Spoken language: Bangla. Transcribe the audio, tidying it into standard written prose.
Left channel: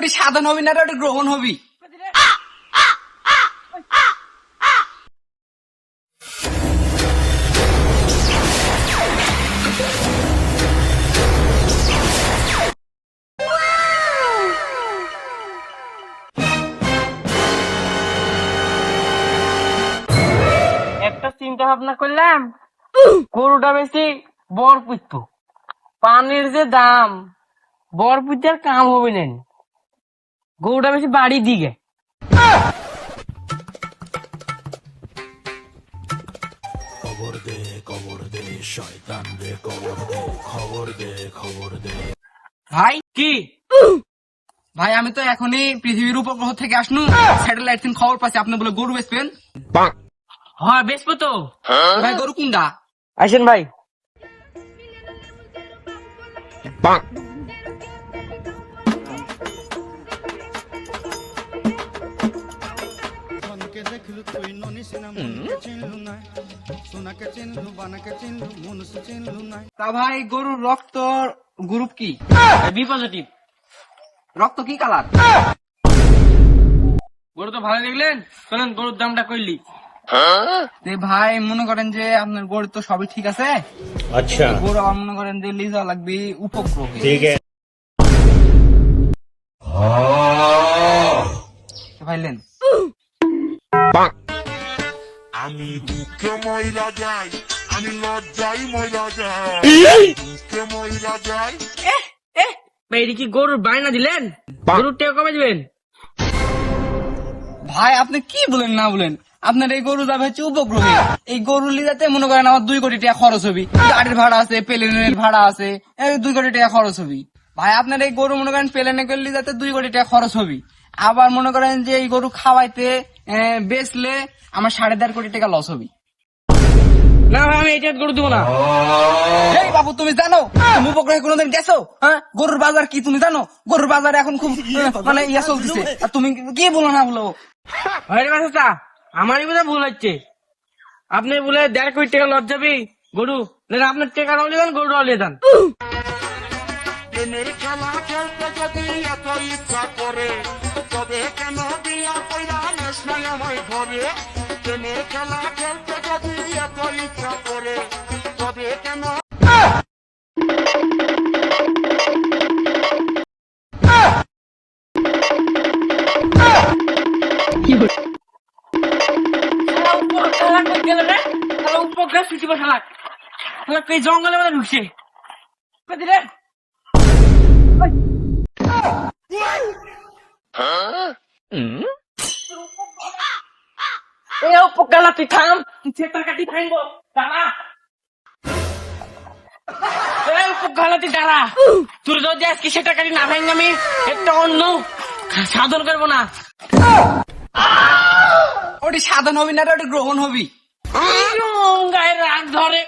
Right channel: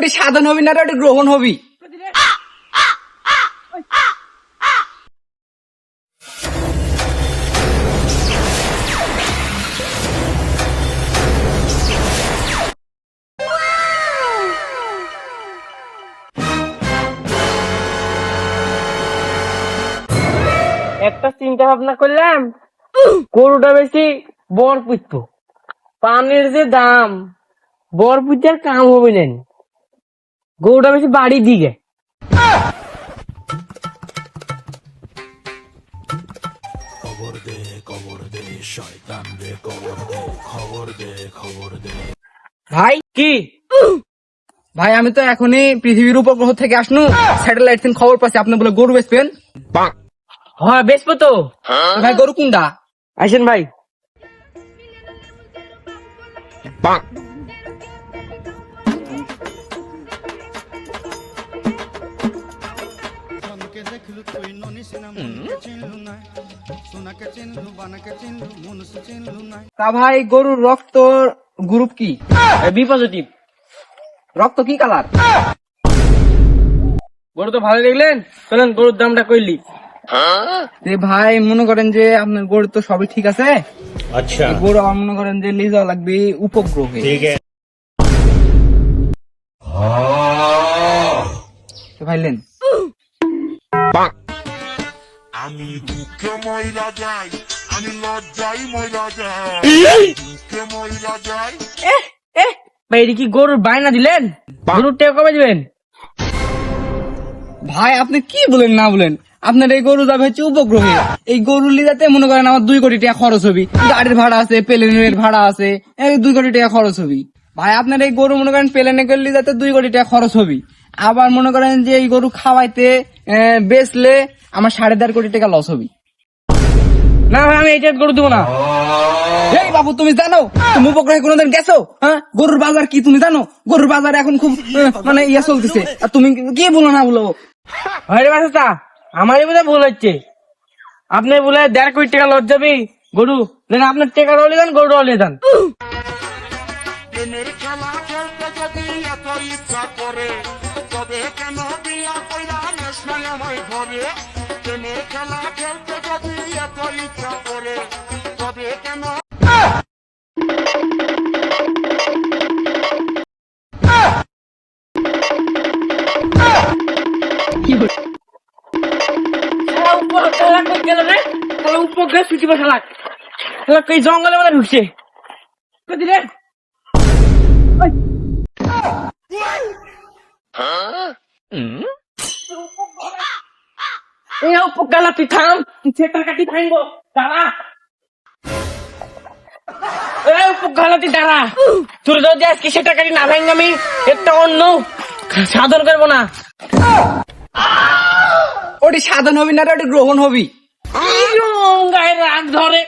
ওটি সাধন হবি না, ওটি গ্রহণ হবি। একটা চিন্তা ভাবনা করলাম, গরুটা বেশি বর পুষতো, পানের যে দাম, বর পুজার কাম হবে না, গরুটা বেশি বাড়ি দিকে। ভাই কি ভাই, আমি তো এখনই পৃথিবীর উপগ্রহ থেকে আসনু, স্যাটেলাইট থেকে খবর পাচ্ছি আপনি বলে গরু বেচবেন। হ্যাঁ বেচবো তো। ভাই গরু কোনটা? আসেন ভাই। তা ভাই গরুর রক্ত গ্রুপ কি? B positive. রক্ত কি কালার? গরু তো ভালো দেখলেন, চলেন গরুর দামটা কইলি। ভাই মনে করেন যে আপনার গরু তো সবই ঠিক আছে, अच्छा গরু আমার মনে করেন যে লিজা লাগবে উপগ্রহ। ठीक है ভাইলেন আমি দুঃখে মহিলা যাই, আমি লজ্জাই মহিলা যাই, দুঃখে মহিলা যাই। ভাই এটা কি গরুর বায়না দিলেন? গরুর টাকা কবে দিবেন? ভাই আপনি কি বলেন না বলেন, আপনার এই গরু যাবে হচ্ছে উপগ্রহ। এই গরু লিজাতে মনে করেন আমার 2 কোটি টাকা খরচ হবি, গাড়ির ভাড়া আছে, প্লেনের ভাড়া আছে, এই 2 কোটি টাকা খরচ হবি। ভাই আপনার এই গরু মনে করেন প্লেনে করে লিজাতে 2 কোটি টাকা খরচ হবি। আবার মনে করেন যে এই গরু খাওয়াইতে বেচলে আমার 1.5 কোটি টাকা লস হবি। না ভাই আমি এটা গরু দেবো না। এই বাবু তুমি জানো তুমি উপগ্রহে কোনোদিন গেছো? হ্যাঁ, গরুর বাজার কি তুমি জানো? গরুর বাজার এখন খুব মানে ইয়ে চলতেছে, আর তুমি কি বলো না বলো? ভাই রে বাচ্চা, আমারই বোধহয় ভুল হচ্ছে। আপনি বলে 1.5 কোটি টাকা লস যাবি গরু দেন, আপনার টাকা রলে যান, গরু রলে যান। প্রেমের খেলা খেলতে যদি এত ইচ্ছা করে, তবে কেন বিয়া কইরা নেস নাই আমায় ঘরে? প্রেমের খেলা খেলতে যদি এত ইচ্ছা করে, তবে কেন জঙ্গলে মানে ঢুকছে। তুই থাম, সেটার কাটি থাকবো, দাঁড়া। দাঁড়া, তোর যদি আজকে সেটা কাটি না ভাঙ, আমি একটা অন্য সাধন করবো না। ওটি সাধন হবি না, ওটি গ্রহণ হবি। গায়ে রাগ ধরে।